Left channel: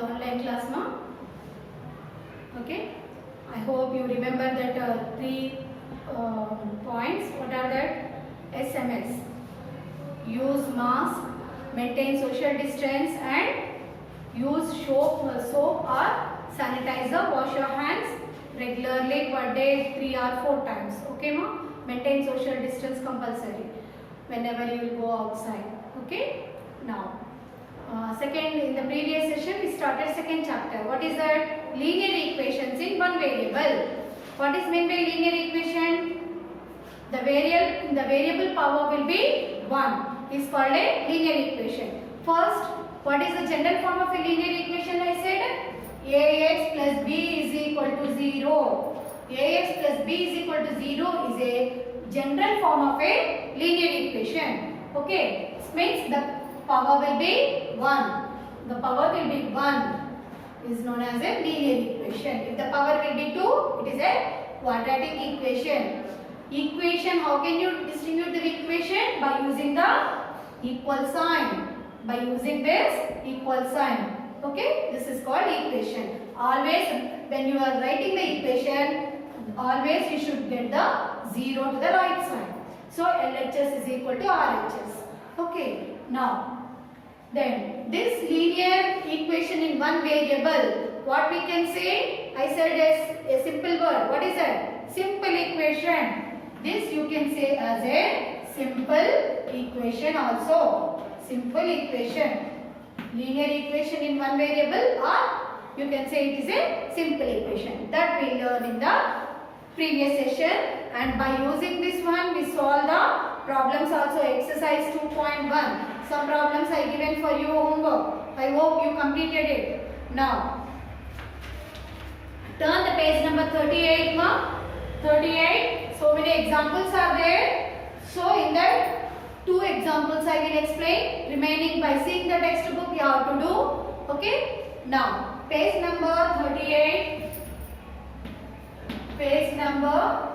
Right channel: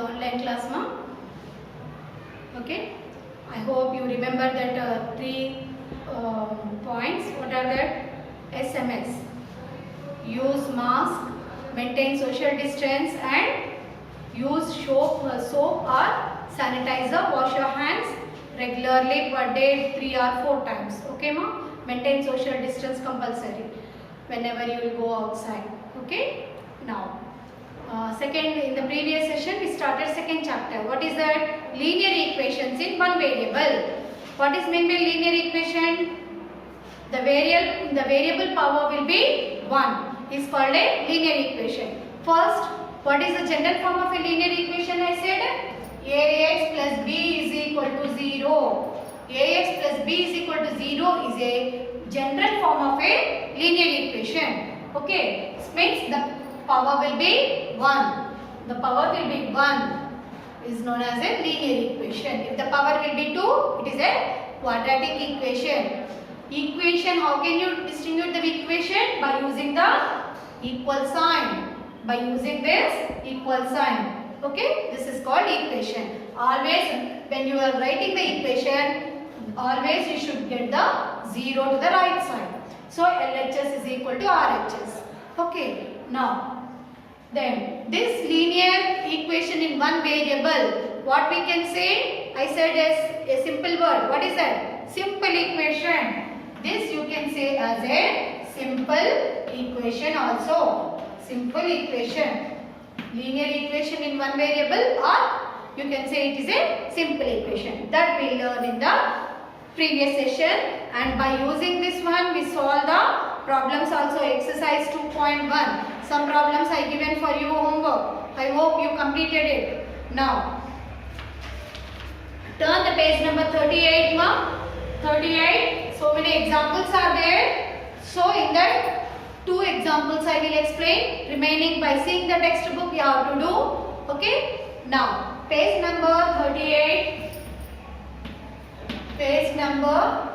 the online class, ma. Okay. I hope you remember that three points. What are that? SMS. Use mask, maintain social distance, and use soap or sanitizer. Wash your hands regularly per day 3 or 4 times. Okay, ma? Maintain social distance compulsory whenever you will go outside. Okay. Now, in the previous session we started second chapter. What is that? Linear equations in one variable. What is meant by linear equation? The variable power will be 1. Is called a linear equation. First, what is the general form of a linear equation? I said ax plus b is equal to 0. Ax plus b is equal to 0 is a general form of a linear equation. Okay, this means the power will be 1. The power will be 1 is known as a linear equation. If the power will be 2, it is a quadratic equation. Equation, how can you distinguish the equation? By using the equal sign. By using this equal sign. Okay, this is called equation. Always when you are writing the equation, always you should get the 0 to the right side. So LHS is equal to RHS. Okay, now then this linear equation in one variable, what we can say? I said as a simple word. What is that? Simple equation. This you can say as a simple equation also. Simple equation. Linear equation in one variable, or you can say it is a simple equation. That we learned in the previous session, and by using this one we solve the problems also. Exercise 2.1. Some problems I given for you homework. I hope you completed it. Now, turn the page number 38, ma. 38. So many examples are there. So in that 2 examples I will explain. Remaining by seeing the textbook you have to do. Okay. Now, page number 38. Page number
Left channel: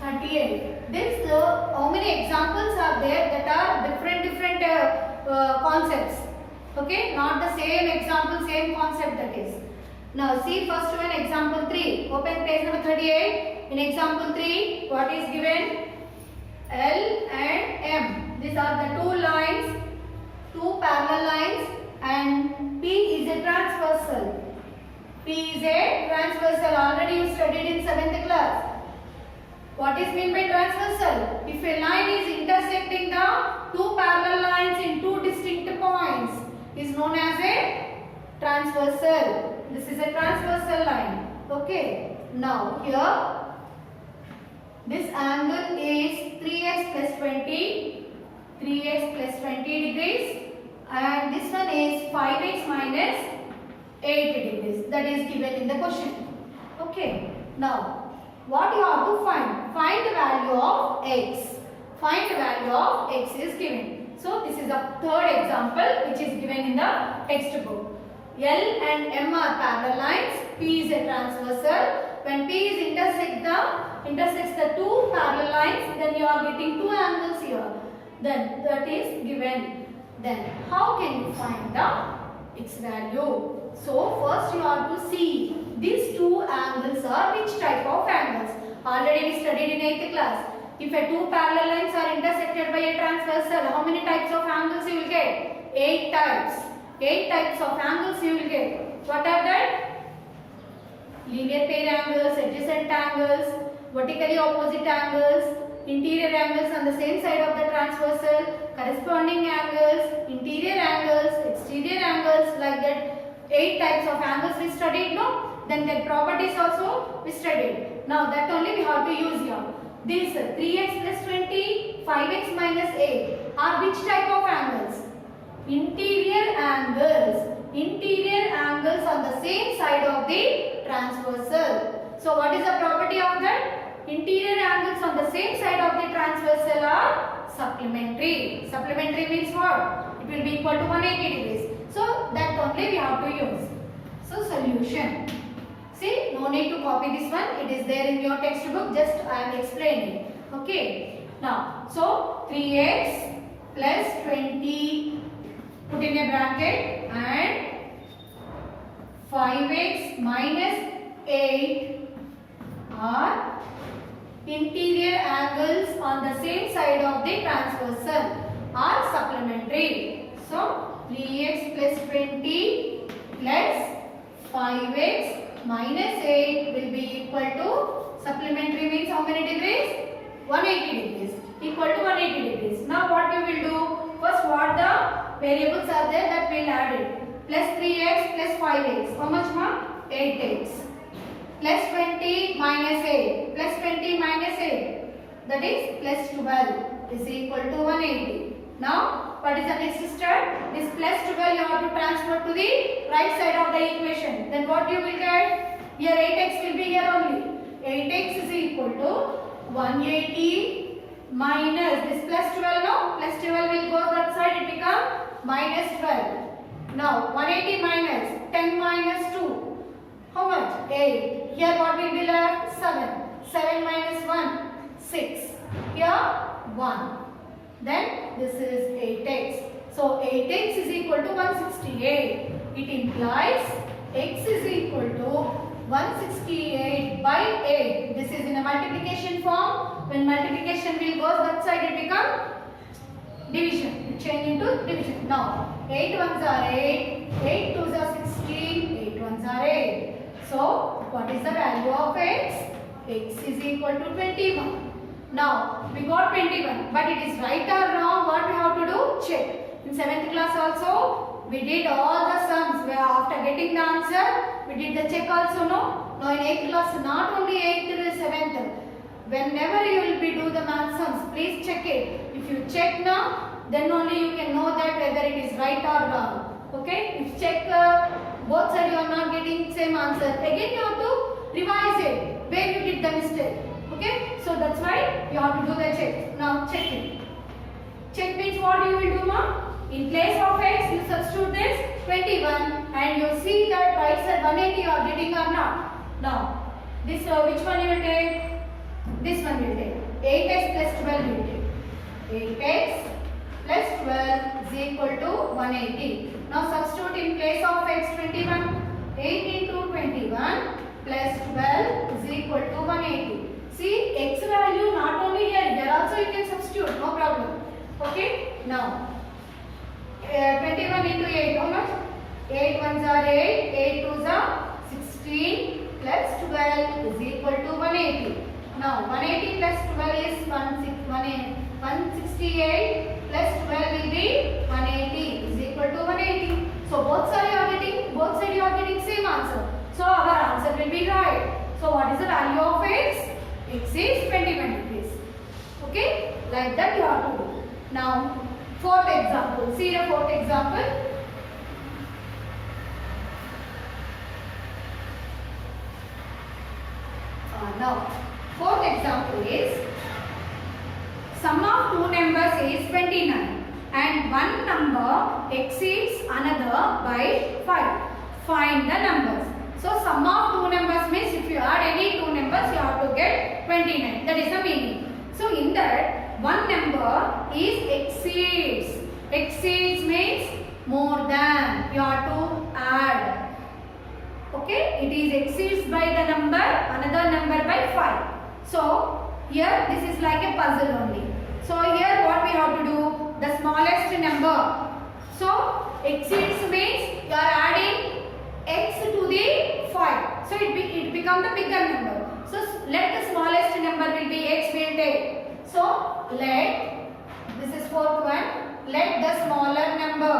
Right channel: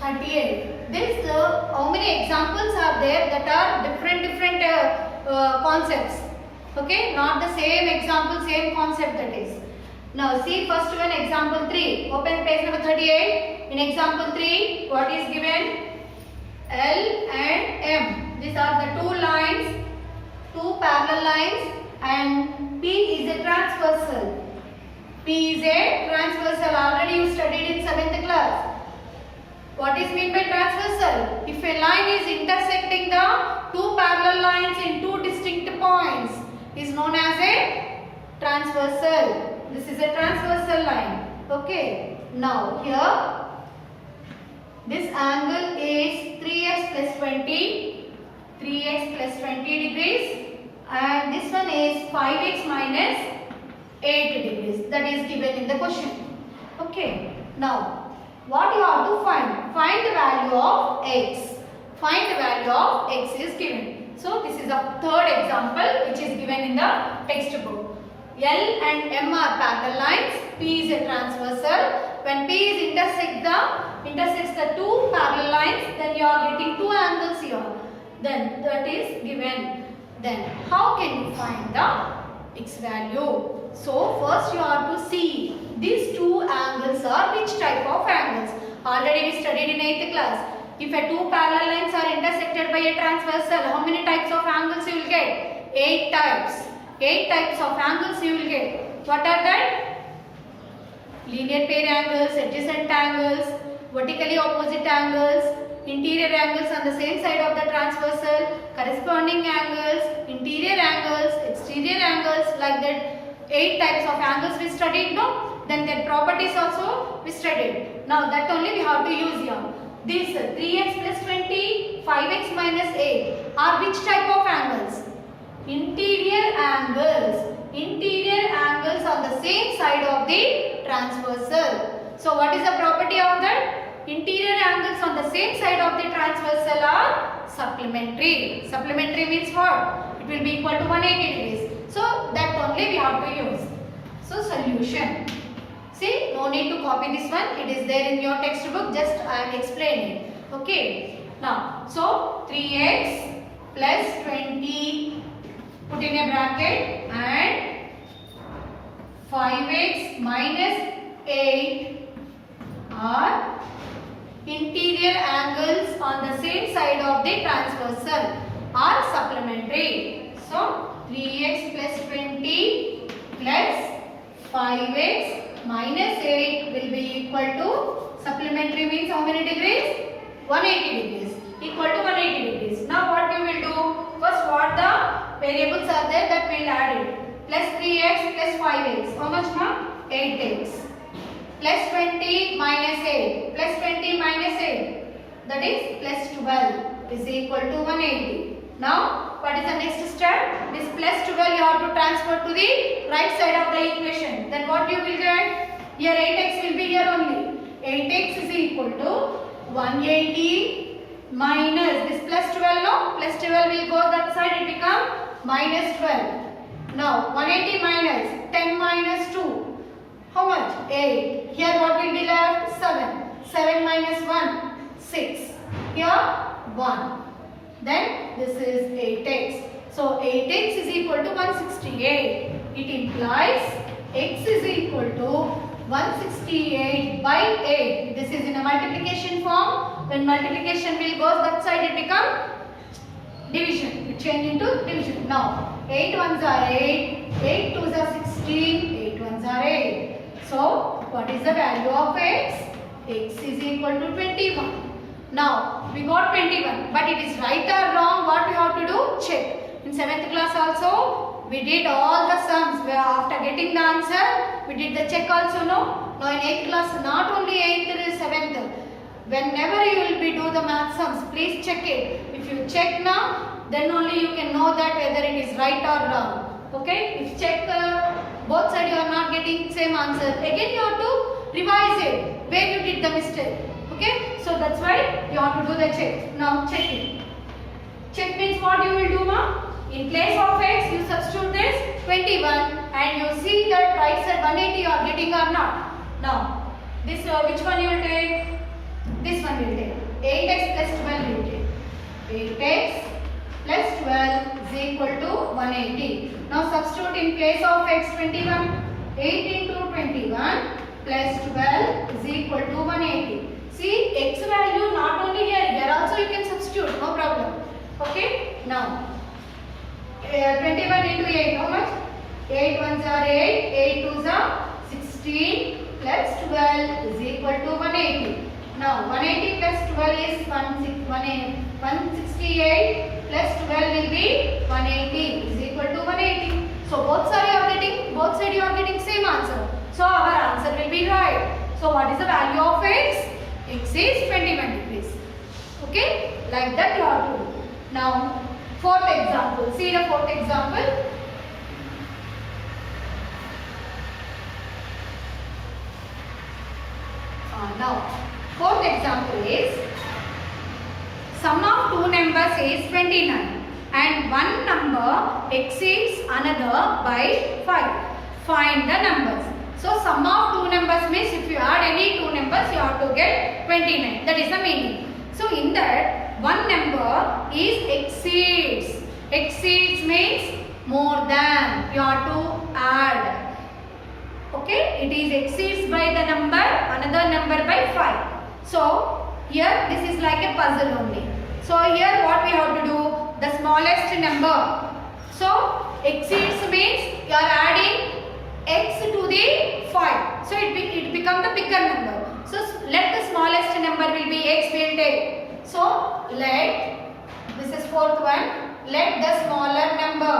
38. This how many examples are there that are different concepts. Okay, not the same example, same concept that is. Now see first one, example 3. Open page number 38. In example 3, what is given? L and M. These are the two lines, two parallel lines, and P is a transversal. P is a transversal. Already you studied in 7th class. What is meant by transversal? If a line is intersecting the two parallel lines in two distinct points, is known as a transversal. This is a transversal line. Okay. Now here, this angle is 3x plus 20. 3x plus 20 degrees. And this one is 5x minus 8 degrees. That is given in the question. Okay. Now, what you have to find? Find the value of x. Find the value of x is given. So this is the third example which is given in the textbook. L and M are parallel lines. P is a transversal. When P is intersects the two parallel lines, then you are getting two angles here. Then that is given. Then how can you find the x value? So first you have to see these two angles are which type of angles. Already we studied in 8th class. If a two parallel lines are intersected by a transversal, how many types of angles you will get? 8 types. 8 types of angles you will get. What are that? Linear pair angles, adjacent angles, vertically opposite angles, interior angles on the same side of the transversal, corresponding angles, interior angles, exterior angles, like that. 8 types of angles we studied, no? Then their properties also we studied. Now that only we have to use here. This 3x plus 20, 5x minus 8 are which type of angles? Interior angles. Interior angles on the same side of the transversal. So what is the property of that? Interior angles on the same side of the transversal are supplementary. Supplementary means what? It will be equal to 180 degrees. So that only we have to use. So solution. See, no need to copy this one. It is there in your textbook. Just I am explaining. Okay. Now, so 3x plus 20 put in a bracket and 5x minus 8 are interior angles on the same side of the transversal are supplementary. So 3x plus 20 plus 5x minus 8 will be equal to, supplementary means how many degrees? 180 degrees, equal to 180 degrees. Now what you will do? First, what the variables are there, that we will add it. Plus 3x plus 5x. How much now? 8x. Plus 20 minus 8. Plus 20 minus 8. That is plus 12 is equal to 180. Now, what is the next step? This plus 12 you have to transfer to the right side of the equation. Then what you will get? Here 8x will be here only. 8x is equal to 180 minus this plus 12, no? Plus 12 will go that side, it become minus 12. Now 180 minus 10 minus 2. How much? 8. Here what will be left? 7. 7 minus 1, 6. Here 1. Then this is 8x. So 8x is equal to 168. It implies x is equal to 168 by 8. This is in a multiplication form. When multiplication will go that side, it become division. It change into division. Now 8 ones are 8, 8 twos are 16, 8 ones are 8. So what is the value of x? X is equal to 21. Now we got 21, but it is right or wrong, what we have to do? Check. In 7th class also we did all the sums. After getting the answer, we did the check also, no? Now in 8th class, not only 8th and 7th, whenever you will be do the math sums, please check it. If you check now, then only you can know that whether it is right or wrong. Okay? If check both sides you are not getting same answer, again you have to revise it where you did the mistake. Okay? So that's why you have to do the check. Now check it. Check means what you will do, ma? In place of x, you substitute this 21 and you see that right side 180 you are getting or not. Now, this which one you will take? This one will take. 8x plus 12 will take. 8x plus 12 is equal to 180. Now substitute in place of x 21. 8 into 21 plus 12 is equal to 180. See, x value not only here also you can substitute, no problem. Okay? Now, 21 into 8, how much? 8 ones are 8, 8 twos are 16 plus 12 is equal to 180. Now 180 plus 12 is 168 plus 12 will be 180 is equal to 180. So both sides you are getting same answer. So our answer will be right. So what is the value of x? X is 21 degrees. Okay? Like that you have to do. Now 4th example. See the 4th example. Now 4th example is sum of two numbers is 29 and one number exceeds another by 5. Find the numbers. So sum of two numbers means if you add any two numbers you have to get 29. That is the meaning. So in that one number is exceeds. Exceeds means more than. You have to add. Okay, it is exceeds by the number, another number by 5. So here this is like a puzzle only. So here what we have to do? The smallest number. So exceeds means you are adding x to the 5. So it become the bigger number. So let the smallest number will be x will take. So let, this is 4th one, let the smaller number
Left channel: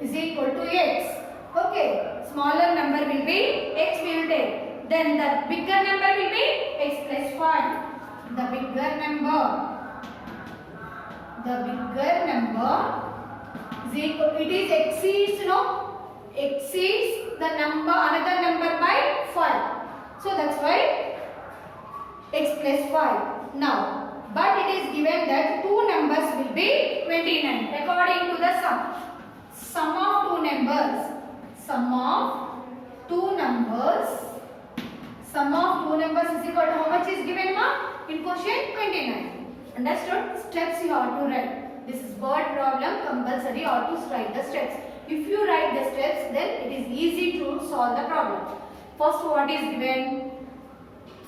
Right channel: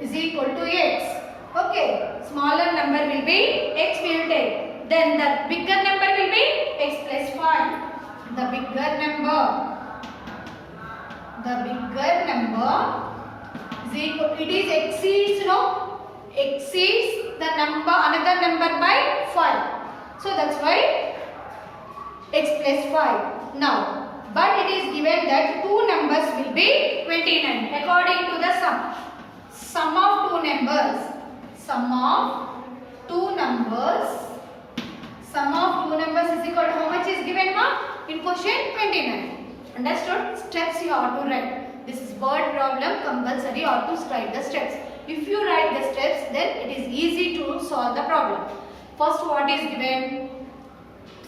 is equal to x. Okay, smaller number will be x will take. Then the bigger number will be x plus 5. The bigger number is equal, it is exceeds, no? Exceeds the number, another number by 5. So that's why x plus 5. Now, but it is given that two numbers will be 29 according to the sum. Sum of two numbers is equal to how much is given, ma? In question 29. Understood? Steps you have to write. This is word problem, compulsory you have to write the steps. If you write the steps, then it is easy to solve the problem. First, what is given?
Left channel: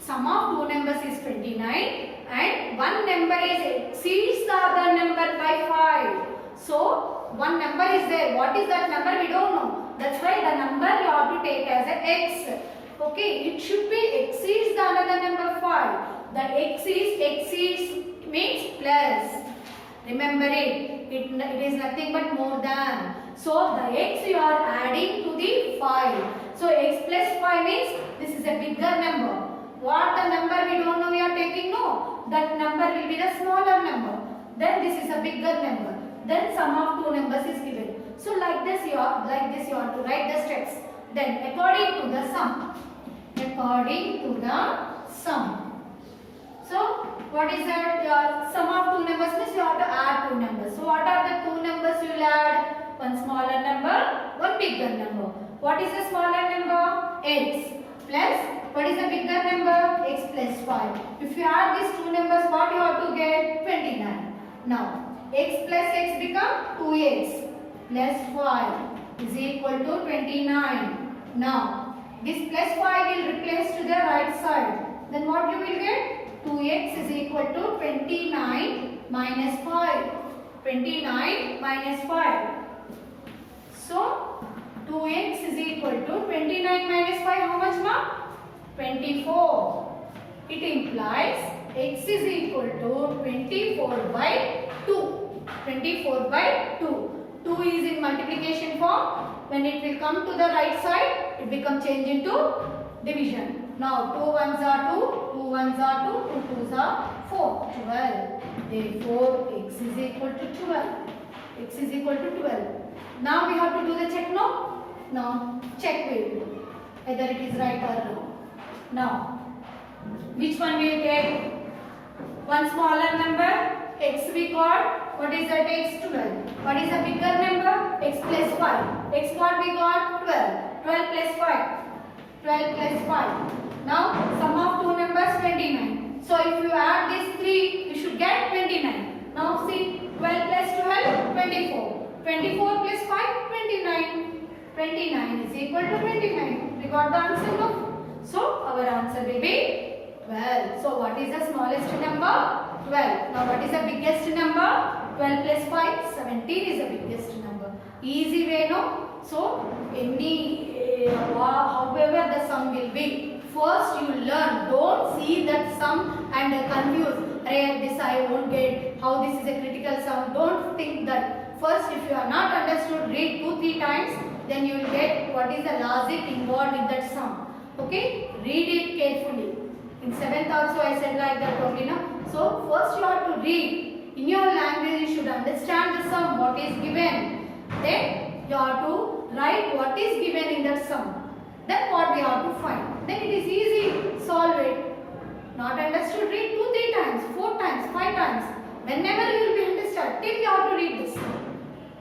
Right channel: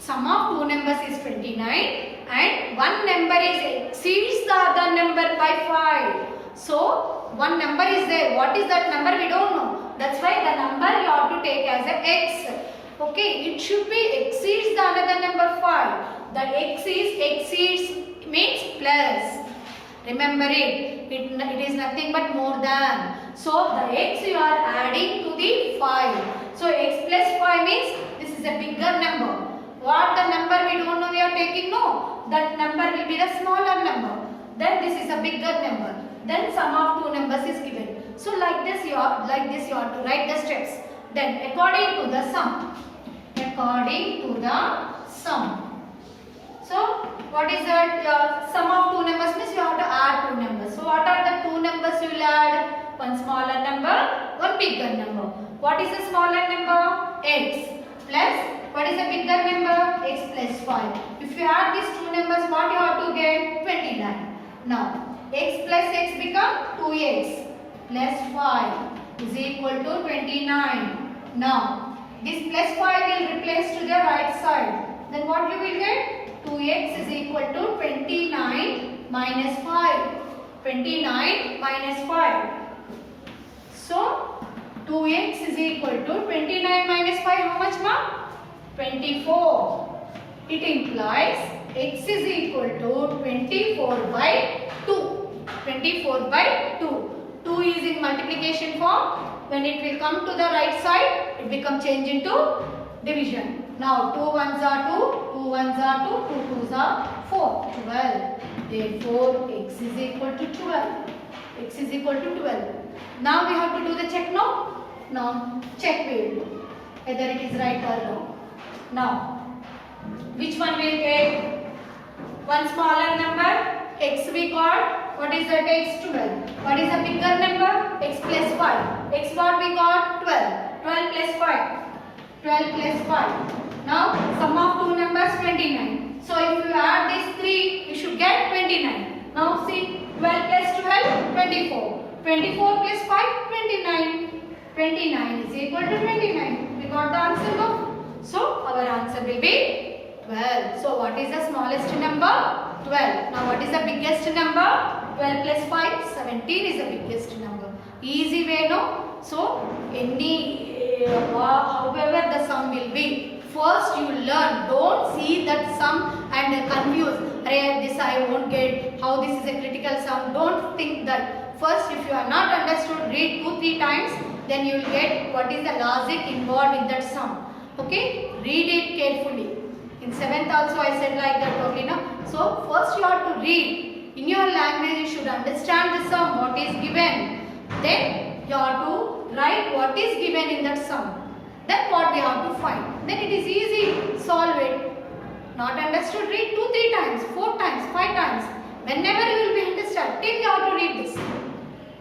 Sum of two numbers is 29 and one number exceeds the other number by 5. So, one number is there. What is that number? We don't know. That's why the number you have to take as a x. Okay, it should be exceeds the another number 5. The exceeds means plus. Remember it. It is nothing but more than. So, the x you are adding to the 5. So, x plus 5 means this is a bigger number. What the number we don't know we are taking? No. That number will be the smaller number. Then this is a bigger number. Then sum of two numbers is given. So like this you have to write the steps. Then according to the sum. According to the sum. So what is that? Sum of two numbers means you have to add two numbers. So what are the two numbers you will add? One smaller number, one bigger number. What is the smaller number? X plus. What is the bigger number? X plus 5. If you add these two numbers, what you have to get? 29. Now, x plus x become 2x plus 5 is equal to 29. Now, this plus 5 will replace to the right side. Then what you will get? 2x is equal to 29 minus 5. 29 minus 5. So, 2x is equal to 29 minus 5. How much, ma? 24. It implies x is equal to 24 by 2. 24 by 2. 2 is in multiplication form. When it will come to the right side, it becomes changed into division. Now 2 ones are 2, 2 ones are 2, 2 twos are 4. 12. Therefore, x is equal to 12. X is equal to 12. Now we have to do the check, no? Now check we will do whether it is right or wrong. Now, which one will get? One smaller number, x we got. What is that? X 12. What is a bigger number? X plus 5. X what we got? 12. 12 plus 5. 12 plus 5. Now, sum of two numbers 29. So, if you add these three, you should get 29. Now, see, 12 plus 12, 24. 24 plus 5, 29. 29 is equal to 29. We got the answer, no? So, our answer will be 12. So, what is the smallest number? 12. Now, what is the biggest number? 12 plus 5, 17 is the biggest number. Easy way, no? So, however the sum will be, first you learn. Don't see that sum and confuse. This I won't get. How this is a critical sum. Don't think that. First, if you are not understood, read 2-3 times. Then you will get what is the logic involved in that sum. Okay, read it carefully. In 7th also I said like that only, no? So first you have to read. In your language you should understand the sum, what is given. Then you have to write what is given in that sum. Then what we have to find. Then it is easy, solve it. Not understood, read 2-3 times, 4 times, 5 times. Whenever you will be understood, till you have to read this.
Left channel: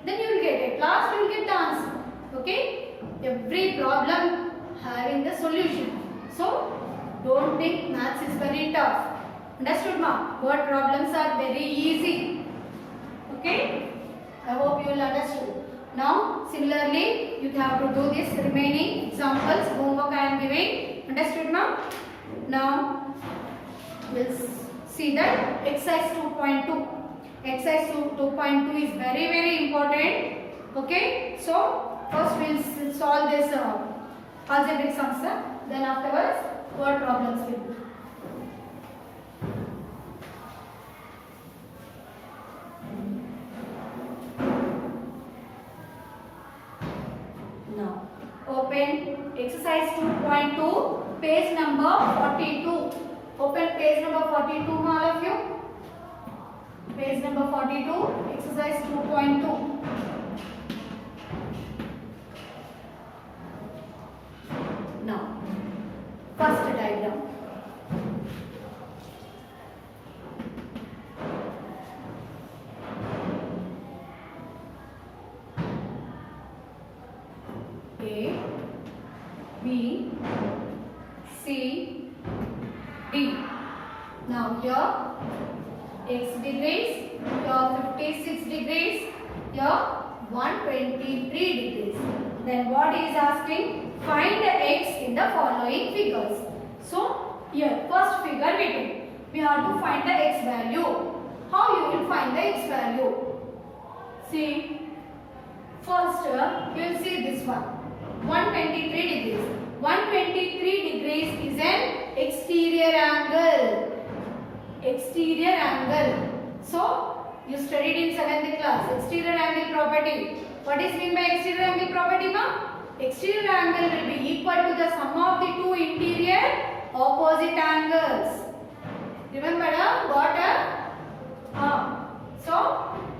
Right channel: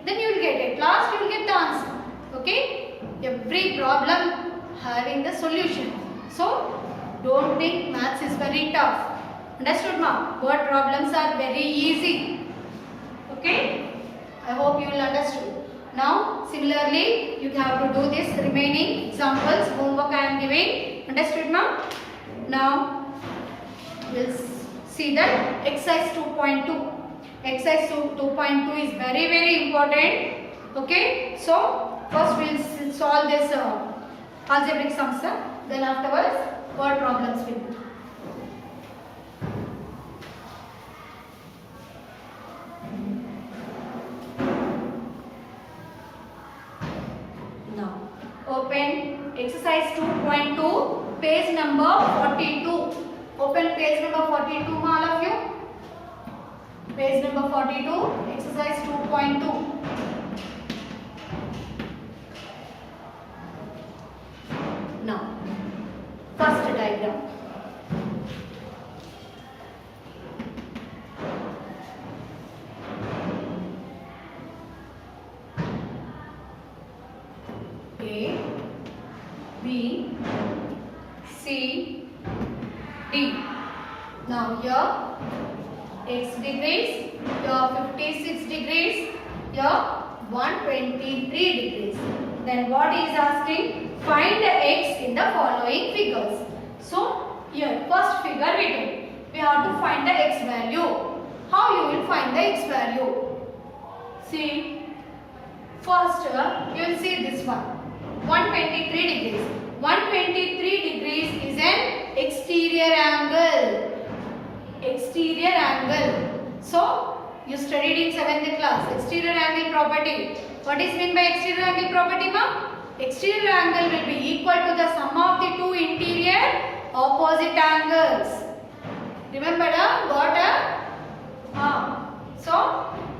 Then you will get it. Last you will get the answer. Okay? Every problem having the solution. So, don't think maths is very tough. Understood, ma'am? Word problems are very easy. Okay? I hope you will understood. Now, similarly, you have to do this remaining examples, homework I am giving. Understood, ma'am? Now, we'll see that exercise 2.2. Exercise 2.2 is very, very important. Okay? So, first we'll solve this algebraic sums, then afterwards word problems will be. Now open exercise 2.2, page number 42. Open page number 42, all of you. Page number 42, exercise 2.2. Now, first diagram. A, B, C, D. Now here x degrees, here 56 degrees, here 123 degrees. Then what is asking? Find the x in the following figures. So here first figure we take. We have to find the x value. How you will find the x value? See, first you will see this one. 123 degrees. 123 degrees is an exterior angle. Exterior angle. So you studied in 7th class exterior angle property. What is meant by exterior angle property, ma? Exterior angle will be equal to the sum of the two interior opposite angles. Remember, got a? So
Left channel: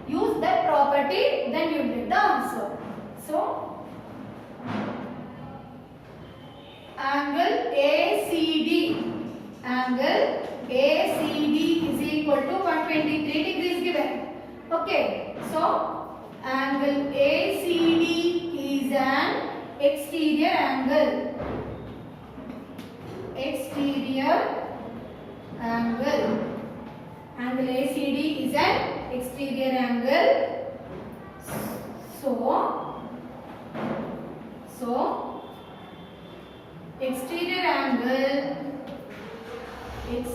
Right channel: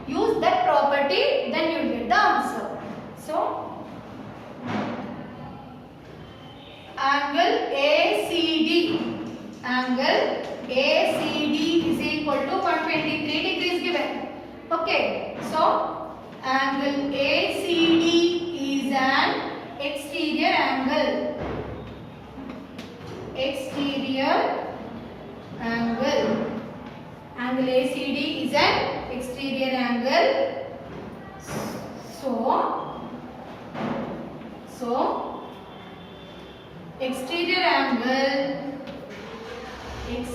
use that property, then you will get the answer. So angle ACD. Angle ACD is equal to 123 degrees given. Okay, so angle ACD is an exterior angle. Exterior angle. Angle ACD is an exterior angle. So exterior angle is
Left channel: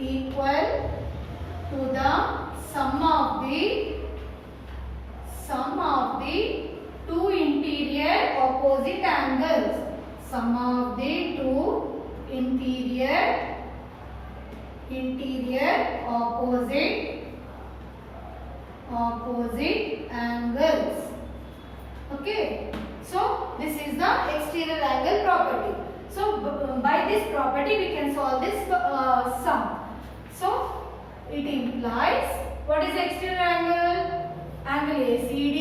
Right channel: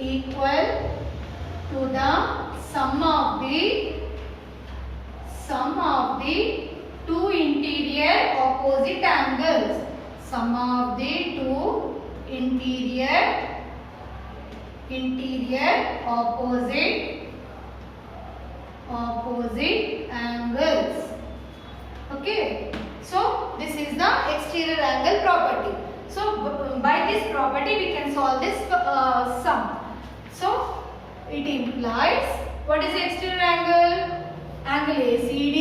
equal to the sum of the two interior opposite angles. Sum of the two interior opposite angles. Okay, so this is the exterior angle property. So by this property we can solve this sum. So it implies, what is the exterior angle? Angle ACD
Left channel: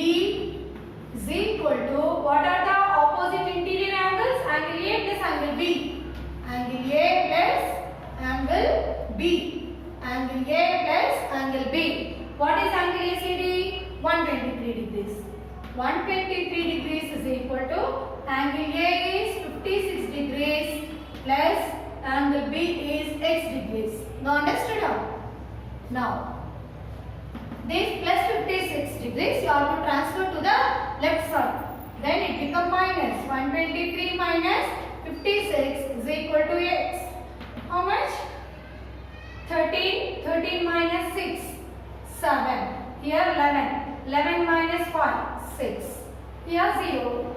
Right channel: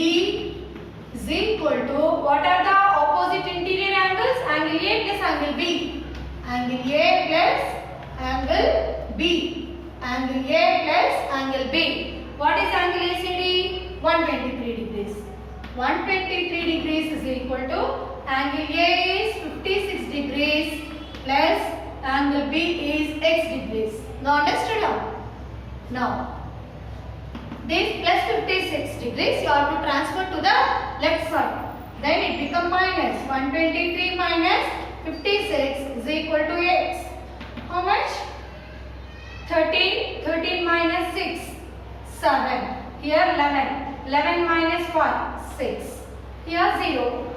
is equal to, what are the opposite interior angles? Angle A plus angle B. Angle A plus angle B. Angle A plus angle B. What is angle ACD? 123 degrees. 123 degrees is equal to angle A is 56 degrees plus angle B is x degrees. Now understood how? Now this plus 56 degrees you have to transfer to the left side. Then it becomes minus 123 minus 56 is equal to x. How much? 13. 13 minus 6, 7. Here 11. 11 minus 5, 6. Here 0.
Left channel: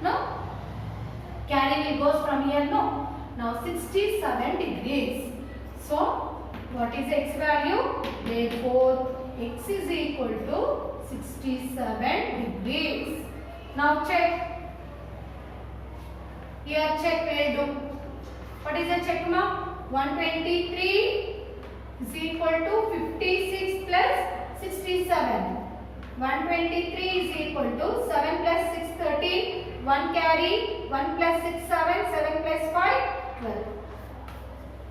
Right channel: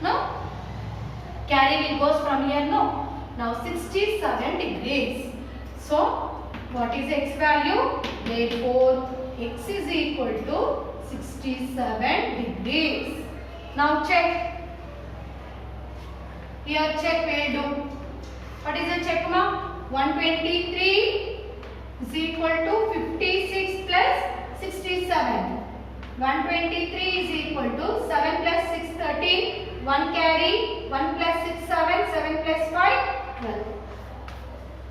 No? Carry will goes from here, no. Now 67 degrees. So what is x value? Therefore x is equal to 67 degrees. Now check. Here check we will do. What is the check, ma? 123 is equal to 56 plus 67. 123 is equal to 7 plus 6, 13. 1 carry. 1 plus 6, 7. 7 plus 5, 12.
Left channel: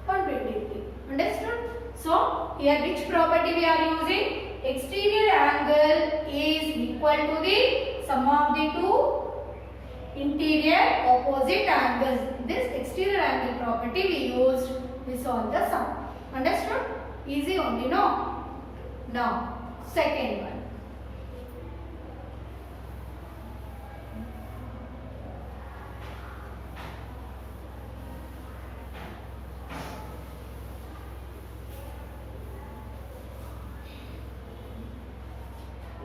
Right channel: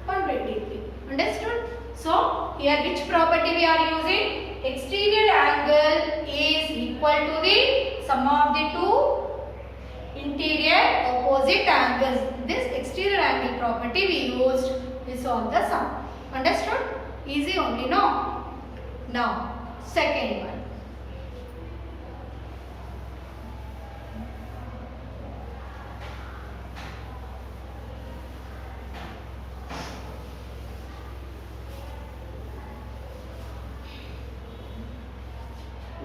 123. Understood? So here which property we are using? Exterior angle is equal to the sum of the two interior opposite angles. This exterior angle property we used to solve the sum. Understood? Easy only, no? Now second one.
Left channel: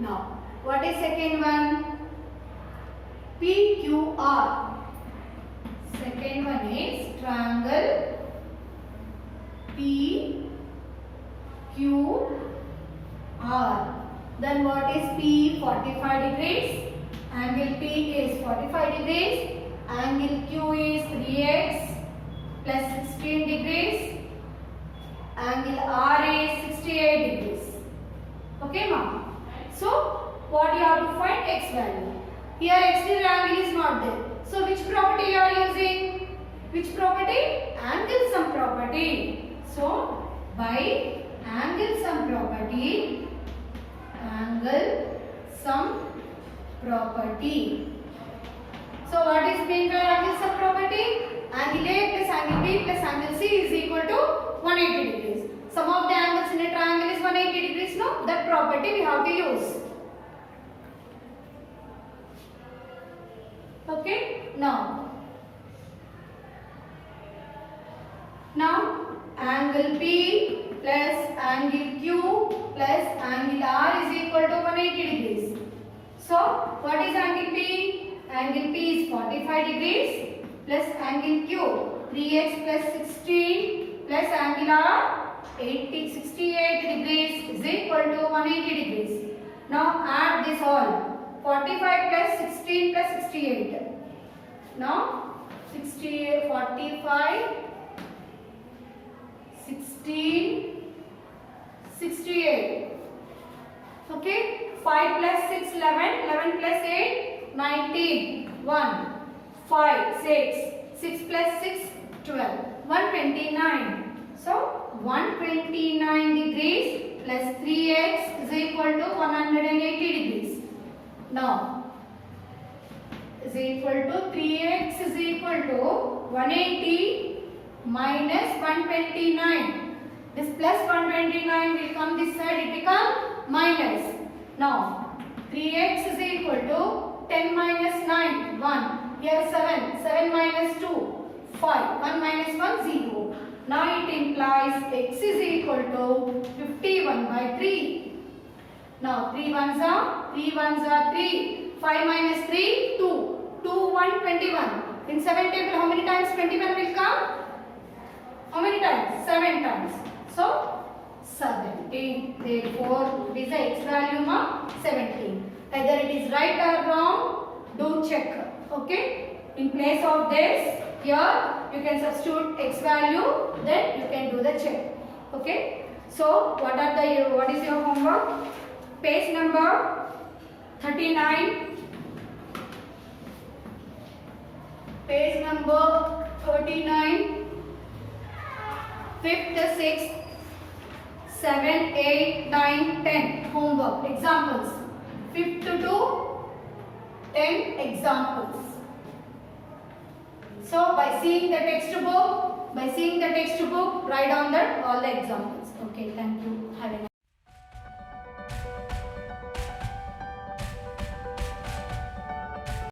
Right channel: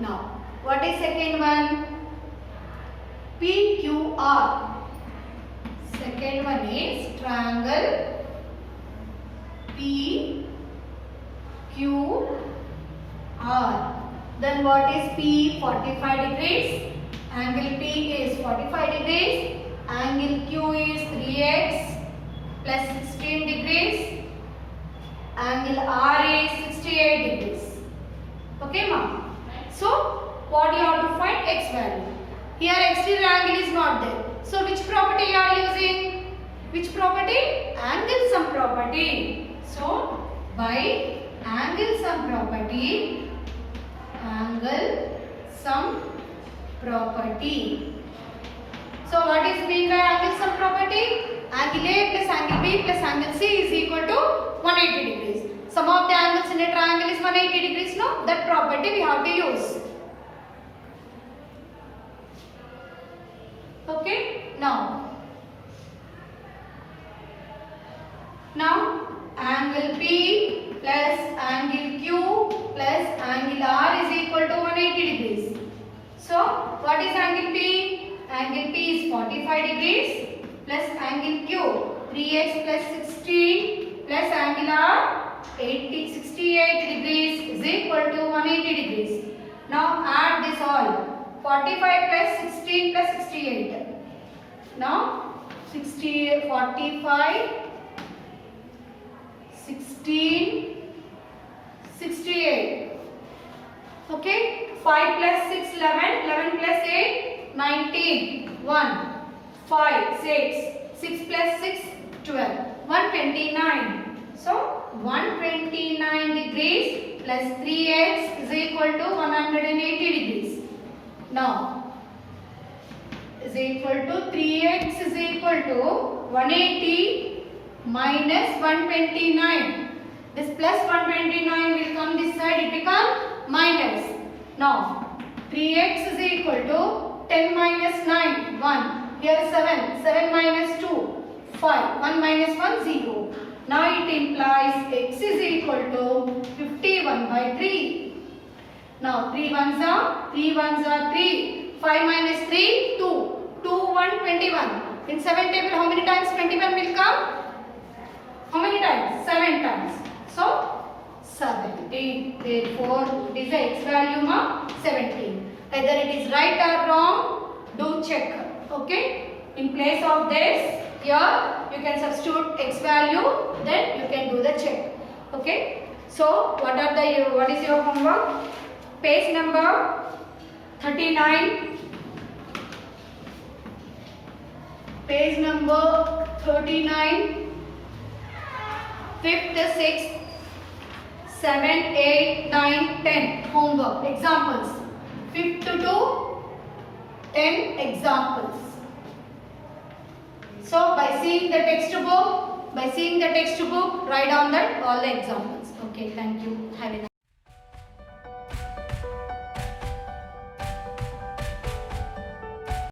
Now, what is second one? PQR. Second one is triangle PQR. Then what is P? 45 degrees. Angle P is 45 degrees. Angle Q is 3x plus 16 degrees. Angle R is 68 degrees. Okay, ma'am? So, what you have to find? X value. Here exterior angle is not there. So, which property you are using? Which property? Angle sum property. So, by angle sum property, So, what is meant by angle sum property? angle A plus angle B plus angle C is equal to 180 degrees. Sum of the angles in a triangle is 180 degrees. No, that property we have to use. Okay, now angle P plus angle Q plus angle R is equal to 180 degrees. So what is angle P? Angle P is 45 degrees plus angle Q 3x plus 16 plus angle R 68 degrees is equal to 180 degrees. Now add this all. 45 plus 16 plus 68. Now 45, 16, 68. Okay. 5 plus 6, 11. 11 plus 8, 19. 1, 5, 6. 6 plus 6, 12. 129. So 129 degrees plus 3x is equal to 180 degrees. Now is equal to 3x is equal to 180 minus 129. This plus 129 will come this side, it become minus. Now 3x is equal to 10 minus 9, 1. Here 7. 7 minus 2, 5. 1 minus 1, 0. Now it implies x is equal to 51 by 3. Now 3 ones are 3. 5 minus 3, 2. 2, 1, 21. In 7 table, how many times 21 will come? How many times? 7 times. So 17. Therefore, it is the x value of 17. Either it is right or wrong, do check. Okay. In place of this, here you can substitute x value, then you can do the check. Okay. So what is your homework? Page number 39. Page number 39. 5th, 6th, 7th, 8th, 9th, 10th. Homework. Examples. 5th to 10 examples. So by seeing the textbook, write down that all the examples. Okay, thank you. Have a nice day.